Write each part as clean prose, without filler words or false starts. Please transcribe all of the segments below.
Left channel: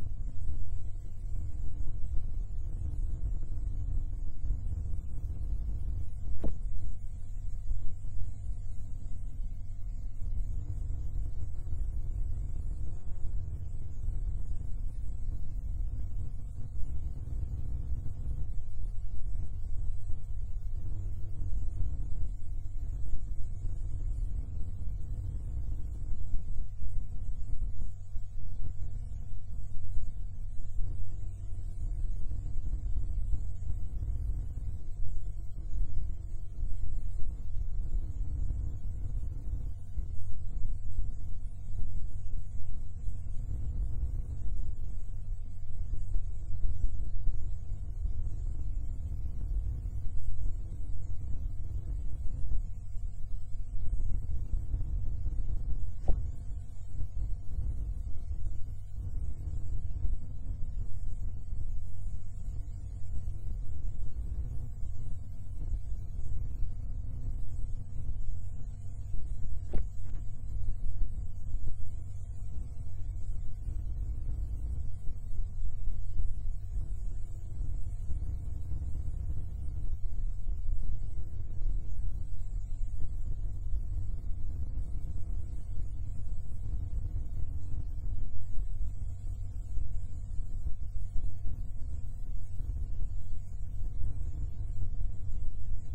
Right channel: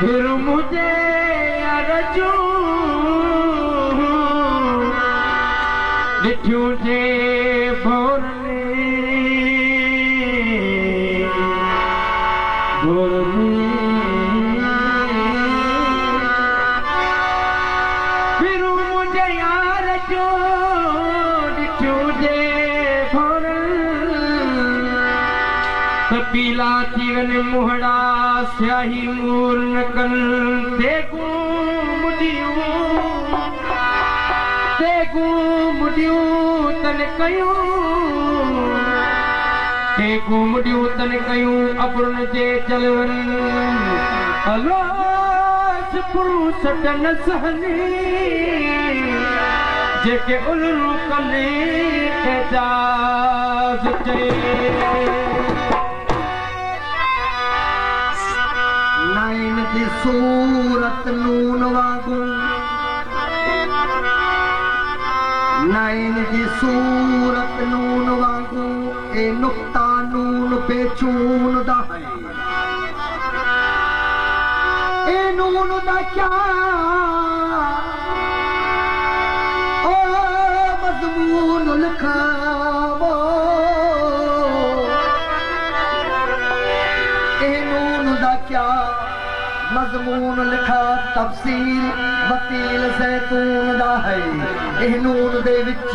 फिर मुझे अरजू डिठ्यू जे भोरने फिर मुझे अरजू डिठ्यू जे भोरने पीला तीगन मुहड़ा स्याही मूर नकल देखू मुडियूं तन कयूं अपुरन जे चलवन अलाश पुरुषट न सहनी जेके उलरू कने एजाज चए नाइन जी सूरत नून वागू नाइन जी सूरत नून वागू ए नुक्ता नून पे चून दा है ए नून दा क्या ओ मजमून लिखावो ए नून दा क्या मजमून लिखा तफसील वकील ज़ैतून दा है ए नून दे विच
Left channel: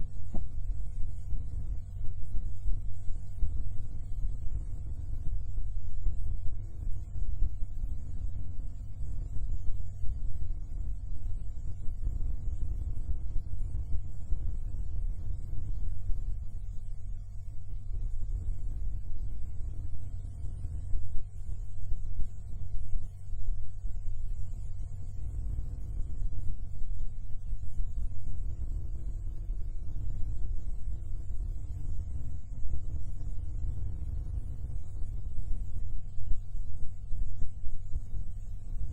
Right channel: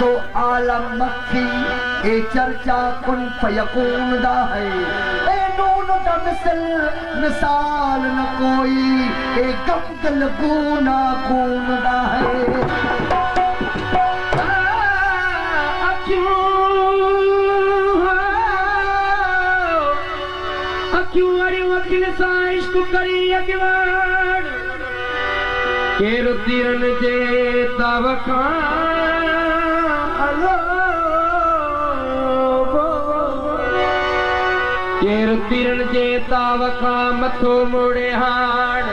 तो आलम मक्खी ए चर्चा कुन फयकून दा है ए नून दा मिसाल न कोई ए गमगल गूना कून दा है क्यों अरे वकील साइश को करी अगवान केर तीरन जे तवखान केर तीरन जे तवखान मथो मोड़े हान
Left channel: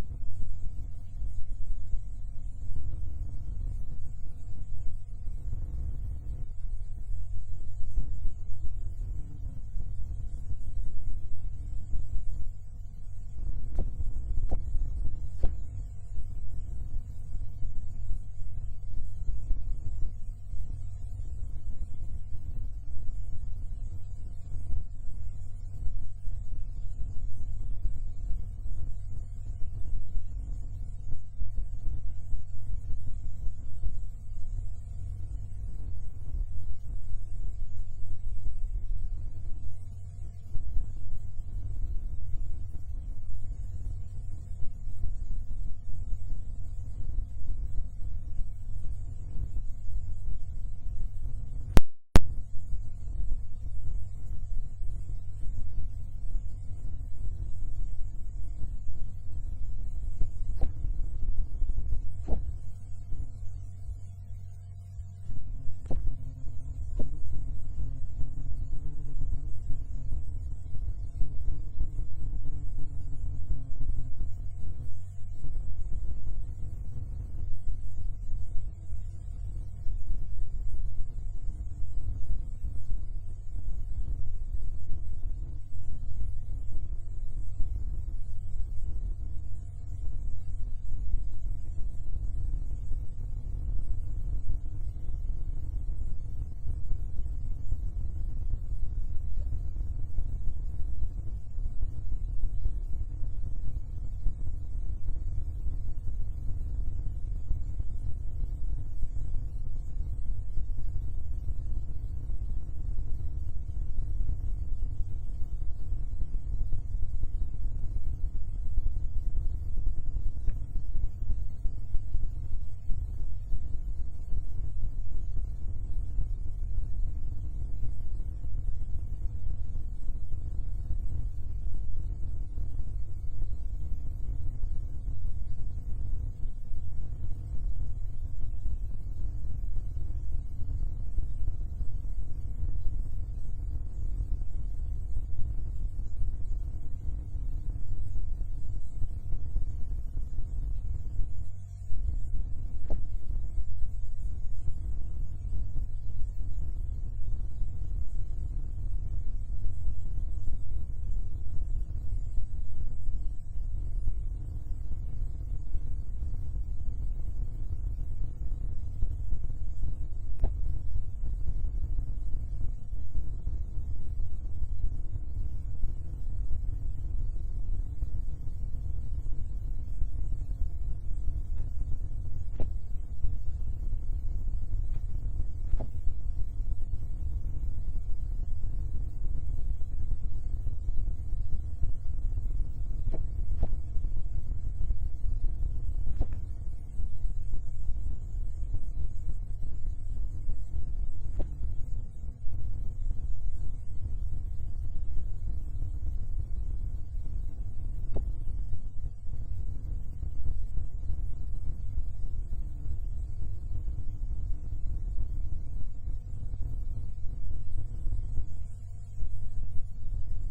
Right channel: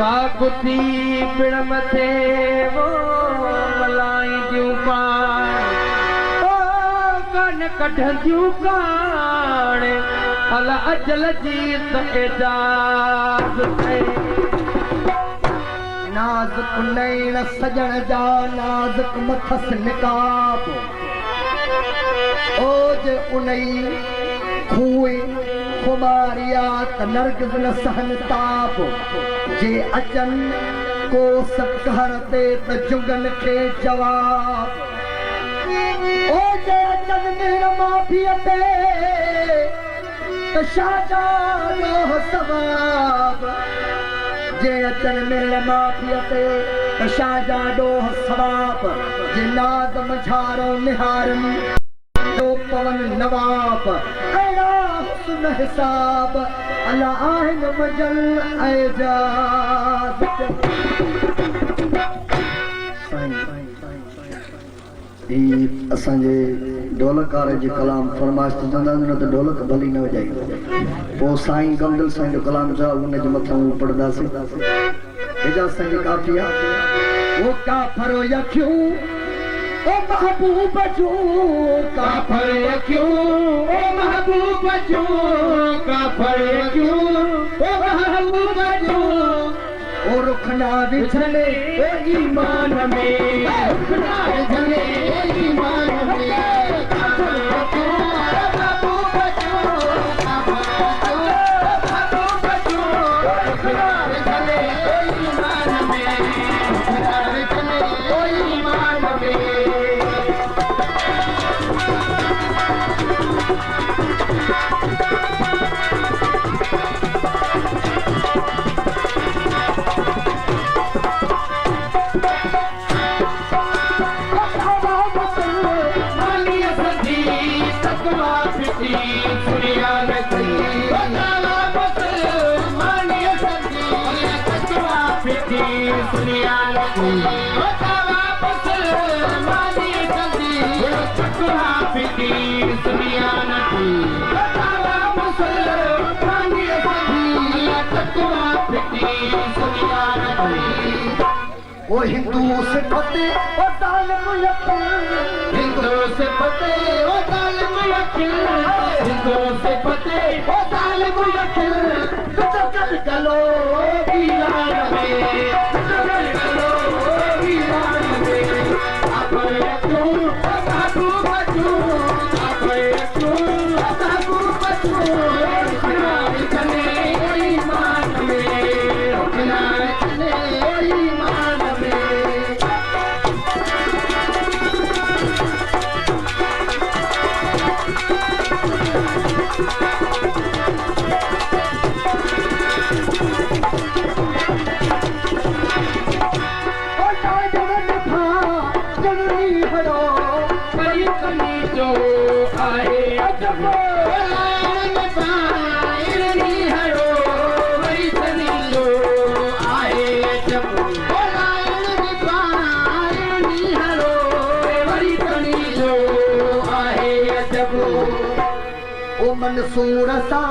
पाकुती पिण मथे वो मलाई दियूं पान ओ कन कढंदियूं कान अला अजल जीत एजाज है नाज़ुक नैण सजण जा नाज़ुक मथस निकाब ओज उनई खूए खुमारियात नरगिज़ न सहन ताप जे अचन को सकहर ते त जुगन खे जवाब ओ जे अचन मेरा माफिया ते शाहजादो सवाब जे अचन मिल माफिया ते शाहजादो सवाब जे नाद मझारो निहारन तो पवन नवाब अला हुस्न हिसाब अला आहिन मजल एजाज असांजे ढोलकार जी कलाम फरमाइश चवंदा न त ढोलक भली न वॼाई पोइ साईं गमदिल साईं जो कलाम जा उन जे मथां पढ़ंदासीं एजाज़ साईं जी काफ़िया वो काफ़र यखियूं ओ महबूब जो काफ़र यखियूं ओ महबूब जो काफ़र यखियूं ओ महबूब जो ओ रुखना विछले ओ ईमान में रुखना विछले ओ ईमान में की वापस मानी कंदी चकवा फिटी सुनियान की वापस मानी कंदी चकवा फिटी सुनियान की वो हिंदू से फते वो जालिम यकीन हिंदू से फते वो जालिम यकीन हिंदू से फते वो जालिम यकीन कल कलो वीरान में चलो वीरान में अपने क्यों बाबू बचू अपने क्यों बाबू बचू किनारे चले ईमान में किनारे चले ईमान में जो आए अजब पायरनी हरो वही सनी जो आए अजब पायरनी हरो वही सनी जो आए अजब ओ मंसूर सा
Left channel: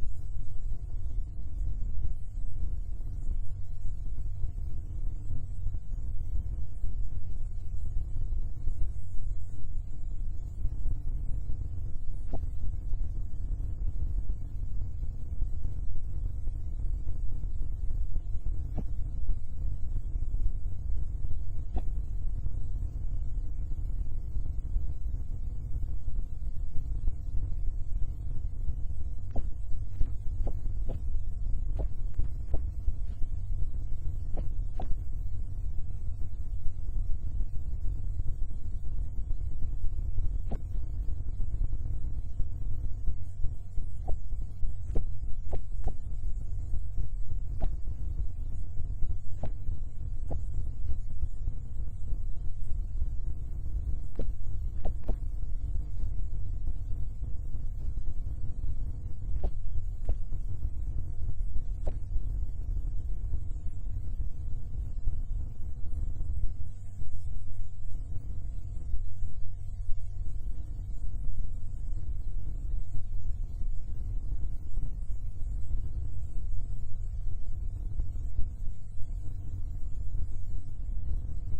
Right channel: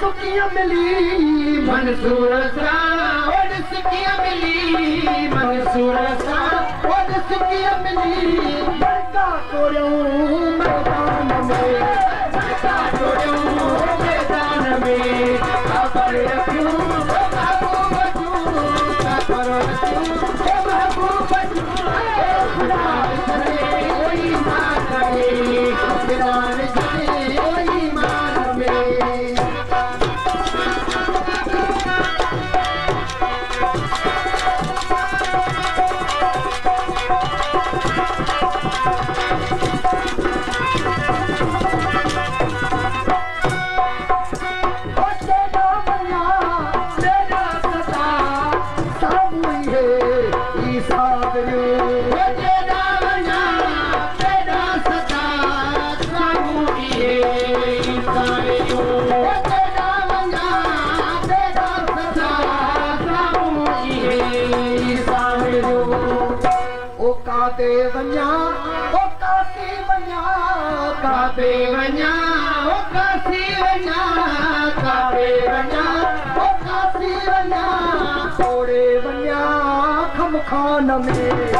सुखिया मिली मंसूर सा और सुखिया मिली मंसूर सा और सुखिया मिली बड़का कोरियों मैदान में बड़का कोरियों मैदान में खबर रखूं बाबू बचू खबर रखूं बाबू बचू खुदा करे ईमान में खुदा करे ईमान में खान में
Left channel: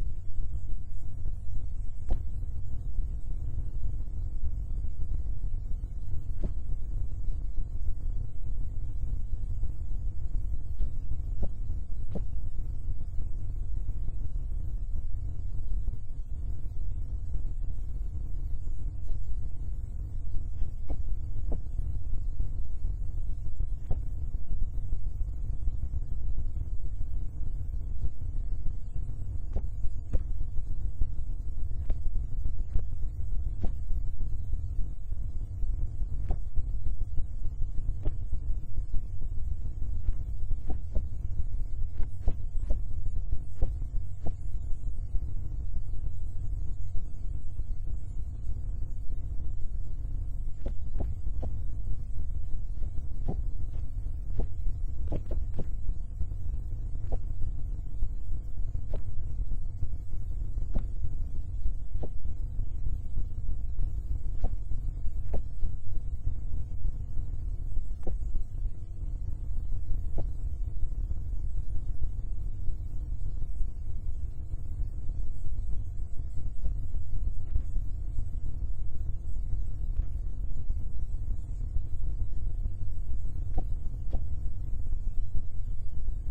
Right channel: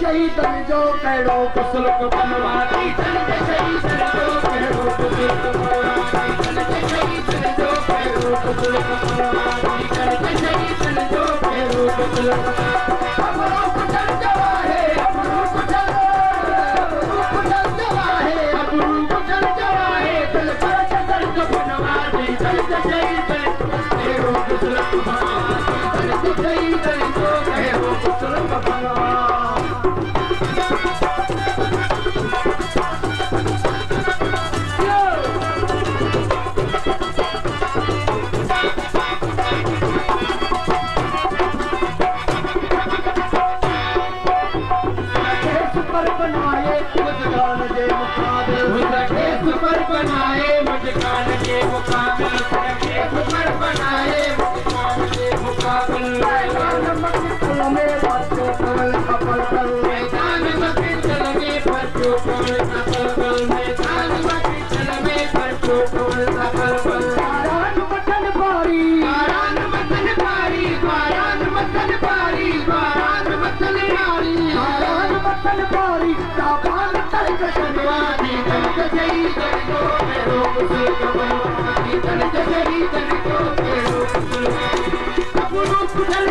शहीदन जो कहिड़ो कुसलुक बनवाती शहीदन जो कहिड़ो कुसलुक बनवाती शहीदन जो कहिड़ो कुसलुक बनवाती शहीदन जो कहिड़ो कुसलुक अमरो कुचल जवा है अमरो कुचल जवा है अमरो कुचल जवा है दिल पर चल को बनवाती शहीदन कहिड़ो कुसलुक बनवाती शहीदन जो कहिड़ो कुसलुक बनवाती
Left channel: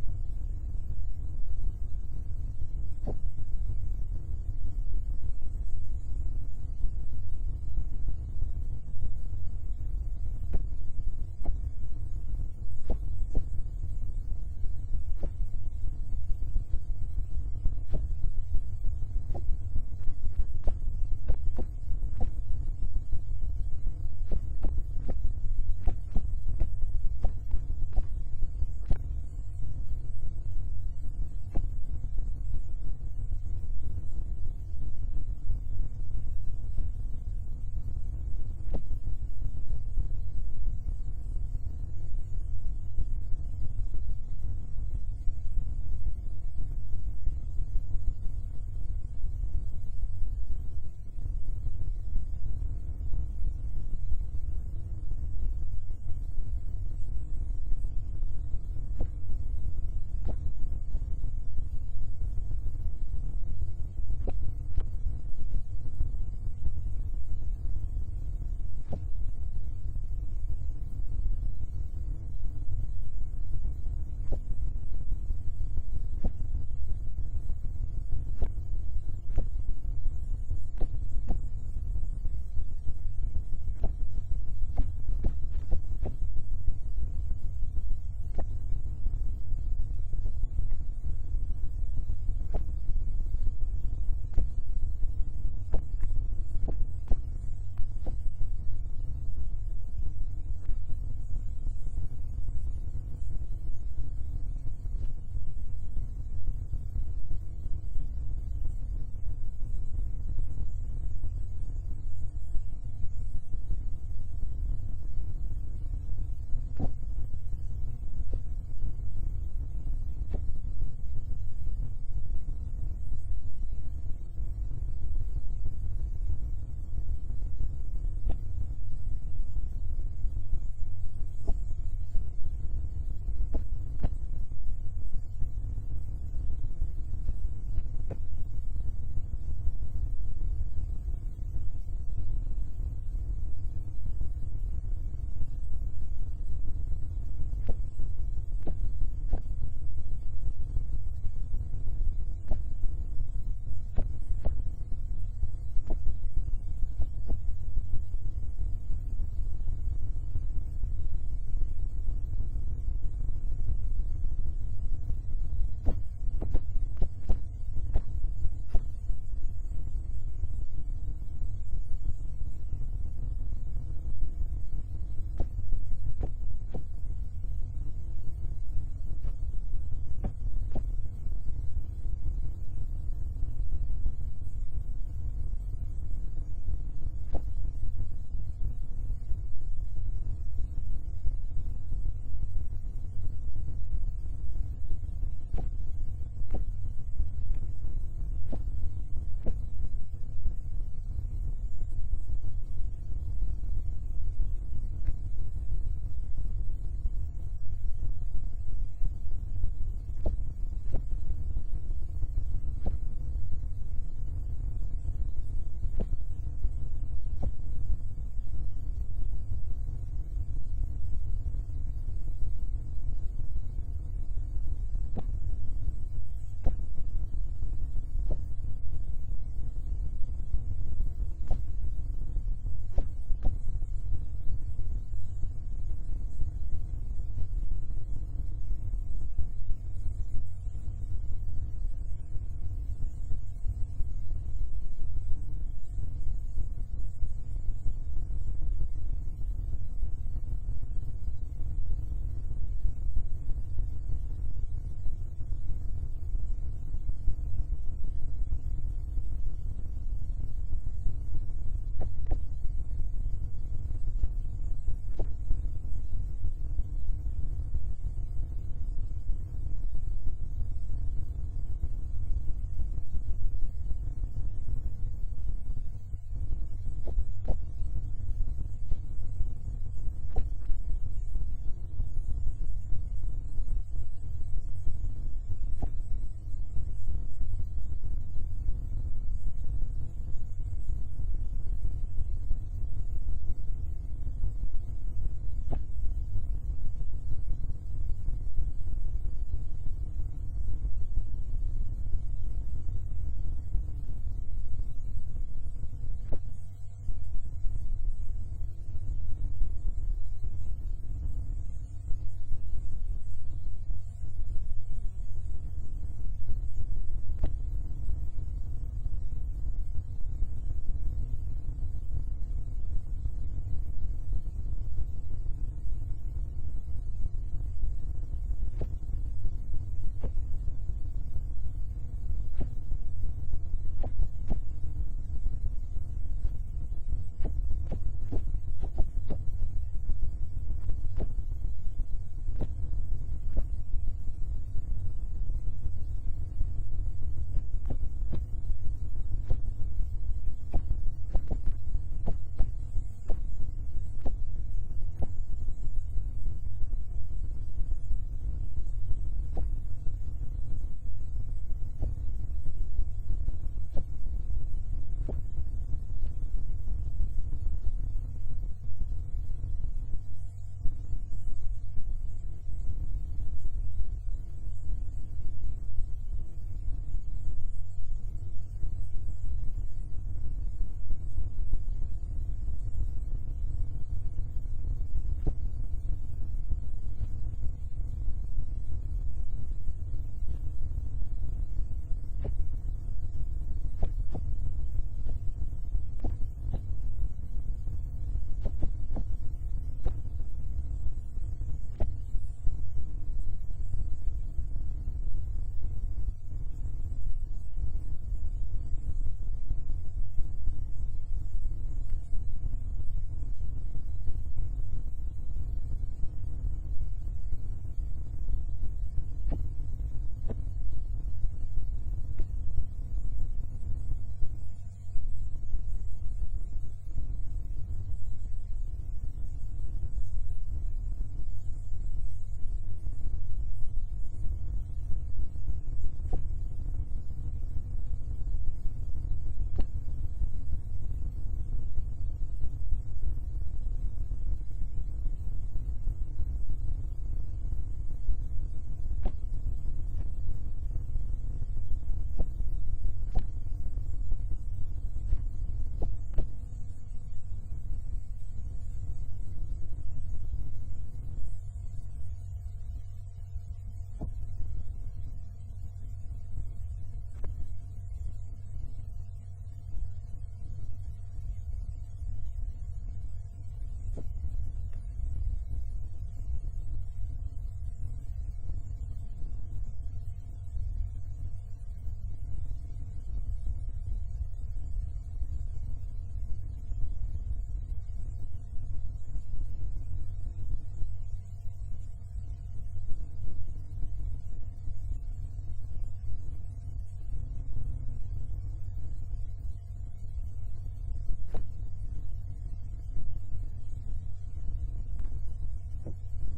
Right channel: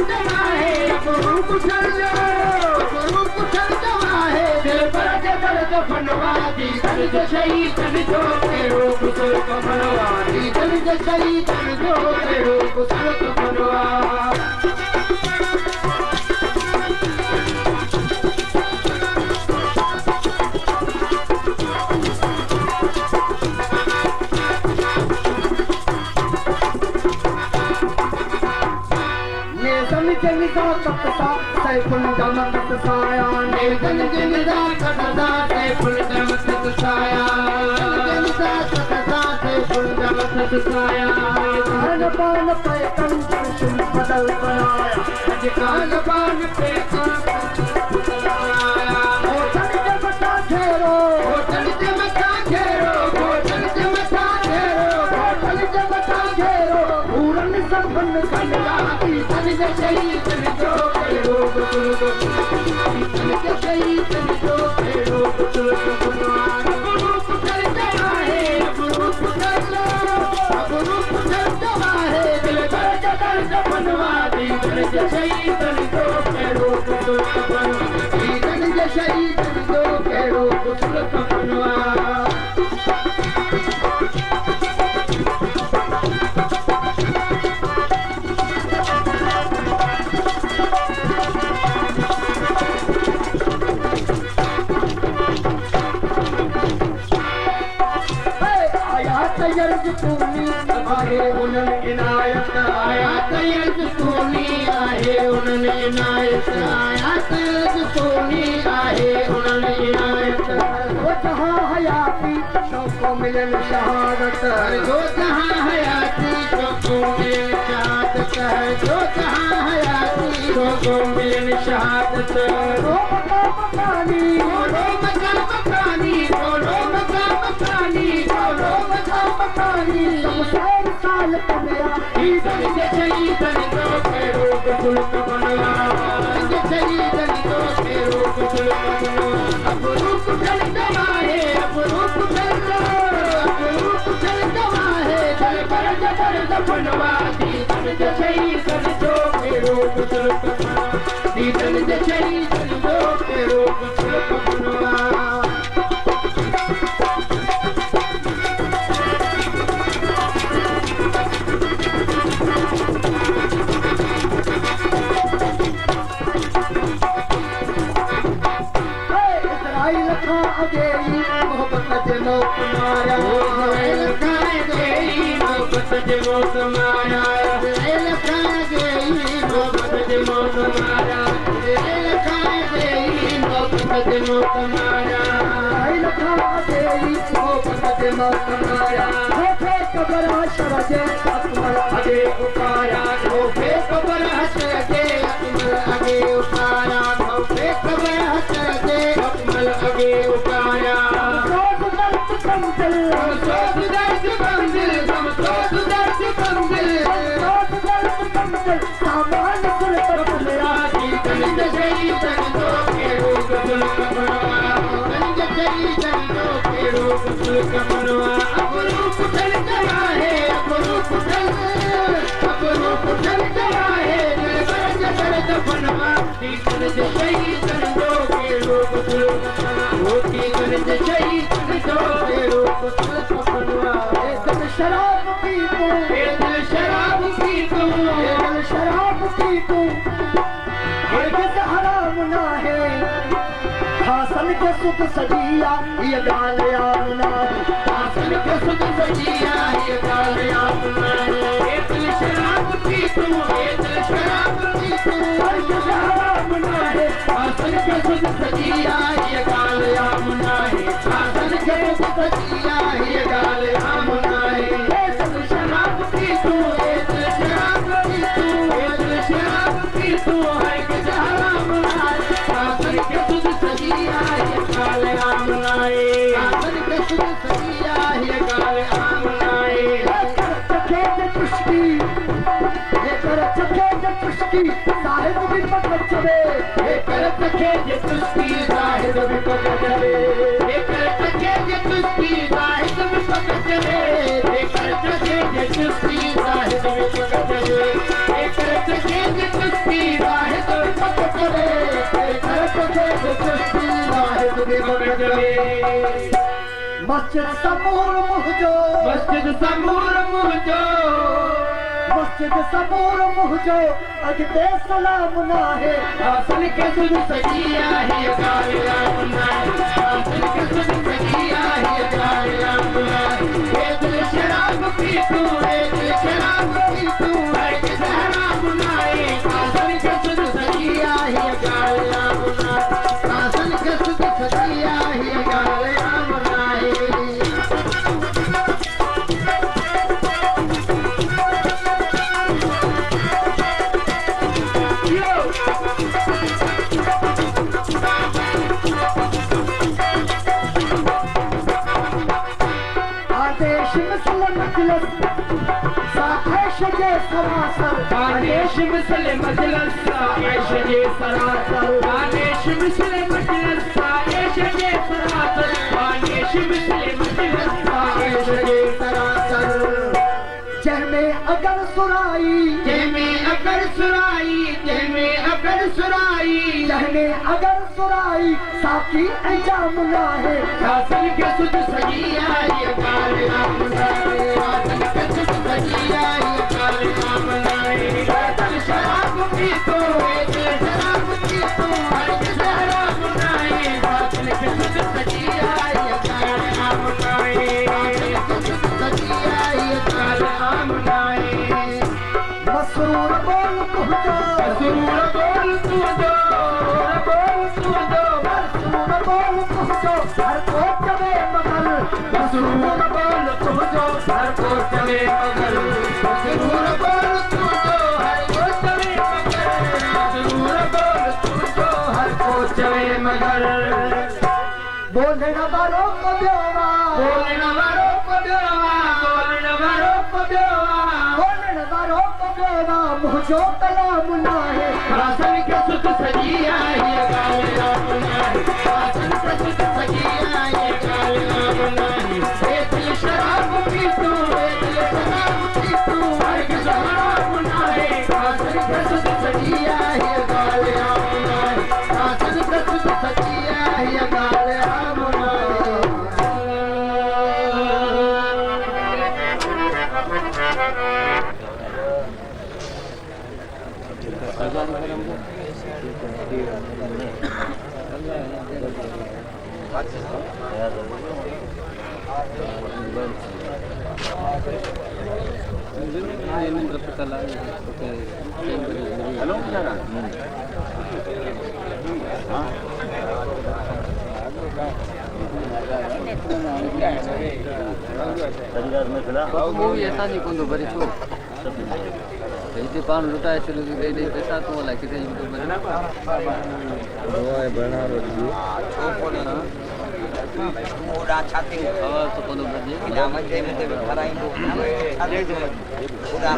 जमाए रूप चलो रूप जमाए दिल पर दर्द बनवा दी दर्द शहीद जो के रूप सुख बनवा दी दर्द शहीद जो के रूप सुख बनवा जनिदा कटसा सैफुल दमत साया ने जनिदा कटसा सैफुल दमत साया जनिदा कटसा सैफुल दमत साया कान बान पे कंचन बदल बनाया आज कान बान पे कंचन बनाया होटल जमता घेरो होटल जमता घेरो होटल जमता घेरो होटल जमता घेरो पूरन संबंध कन्या तन शहीद जो केरो गुरु तन शहीद जो केरो गुरु गुरु पुत्र जमाए गुरु पुत्र गुरु पुत्र जमाए दिल दर्द बनवा दी तन शहीद जो केरो गुरु तन शहीद जो केरो गुरु बनवा यर्ज तूनी आहे उन्हनि इनायत आयात यर्ज तूनी आहे उन्हनि इनायत आयात यर्ज तूनी आहे उन्हनि इनायत वो जहां हयाती शौक़ो मिलन शहादत जो जहां हयाती शौक़ो मिलन शहादत जो जहां हयाती शौक़ो मिलन शहादत रो मकानी रो मकानी रो मकानी रो मकानी शमशान साल कमरा ही दर्द शहीद जो केरो गुरु बनवा दर्द शहीद जो केरो गुरु बनवा अब रूप चल जमाए अब रूप चल जमाए दिल पर दर्द बनवा दी दर्द शहीद जो केरो गुरु बनवा दी दर्द शहीद जो केरो गुरु बनवा मोहब्बत जे मौत माया लखाए गई मोहब्बत जे मौत माया लखाए गई मोहब्बत जे मौत माया लखाए गई मोहब्बत जे मौत माया लखाए गई मोहब्बत जे मौत माया होठे कबर हशर जे अकमल अगे उपाया होठे कबर हशर जे अकमल अगे उपाया होठे कबर हशर जे अकमल अगे उपाया सामान कुल पर मेरा गंज शहीद जो केरो गुरु बनवा गंज शहीद जो केरो गुरु बनवा अब रूप चल जमाए अब रूप चल जमाए दिल दर्द बनवा गंज शहीद जो केरो गुरु बनवा गंज शहीद जो केरो गुरु बनवा दिल शराब पी तू दिल शराब पी तू दिल शराब पी तू हरगिज़ हराम ना है हासन के सुख सजिया ये गाल याद ना हासन के सुख सजिया ये गाल याद ना दिल शराब पी तू दिल शराब पी तू हरगिज़ हराम ना है हासन के सुख सजिया ये गाल याद ना है हासन के सुख सजिया ये गाल याद ना है दिल शराब पी तू दिल शराब पी तू दिल शराब पी तू हरगिज़ हराम ना है हासन के सुख सजिया ये गाल याद ना है हासन के सुख सजिया ये गाल याद ना है चखे जे तुष्टी ये कर चखे जे तुष्टी साहिब भी पकड़ चले ये कर चखे जे तुष्टी साहिब भी पकड़ चले ये कर चखे जे तुष्टी साहिब भी पकड़ चले ये कर चखे जे तुष्टी साहिब भी पकड़ चले ये कर चखे जे तुष्टी जवे वक़्त में मस्जिद समूर मुहजो मस्जिद समूर मुहजो मस्जिद समूर मुहजो अॻिते सलाम नाहे आसन के सुध सजी आहे गालिया मुनाए आसन के सुध सजी आहे गालिया मुनाए ये दिल शराब पी तू है दिल शराब पी तू है कि सहरा मुनाए आसन के सुध सजी आहे गालिया मुनाए आसन के सुध सजी आहे गालिया मुनाए आदेश मिसल मजलिस साखेश जे सरासर आदेश मिसल मजलिस साखेश जे सरासर आदेश मिसल मजलिस साखेश जे सरासर आदेश मिसल मजलिस साखेश जे सरासर जंहिंमें अगर सुराई जंहिंमें अगर सुराई जंहिंमें अगर सुराई जंहिंमें अगर सुराई साकी ऐं जाम नाहे आसन के सुध सजी आई गालिया मुनाए आसन के सुध सजी आई गालिया मुनाए दिल शराब पी तो दिल शराब पी तो हर सहरा मुनाए आसन के सुध सजी आई गालिया मुनाए आसन के सुध सजी आई गालिया मुनाए मसरूर बोल तुझो मसरूर बोल तुझो बोल तुझो मसरूर बोल तुझो हर को चवे मगल मसरूर बोल तुझो हर को चले मगर मसरूर बोल तुझो हर को चले मगर मसरूर बोल तुझो हर को चले मगर बोलण वारो को ॿियोवा बोलण वारो को ॿियोवा बोलण वारो को ॿियोवा बोलण वारो को ॿियोवा मुंहिंजो कलाम नाहे आसन के सुध सजी आई गालिया मुनाए आसन के सुध सजी आई गालिया मुनाए ए दिल शराब पी तू ए दिल शराब पी तू हर के सहरा मुनाए आसन के सुध सजी आई गालिया मुनाए आसन के सुध सजी आई गालिया मुनाए मूवी ऐसा नहीं कौन बड़ी छो इतने पान लुटाए चलो दे दे पैसा तो वाला कितने यूट्यूब में दोए बना रही पूरा छाती हवा तो कौन बजे या मजे में कराई दो पूरा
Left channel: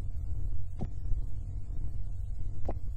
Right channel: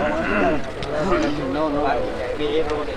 नो नो ये रोड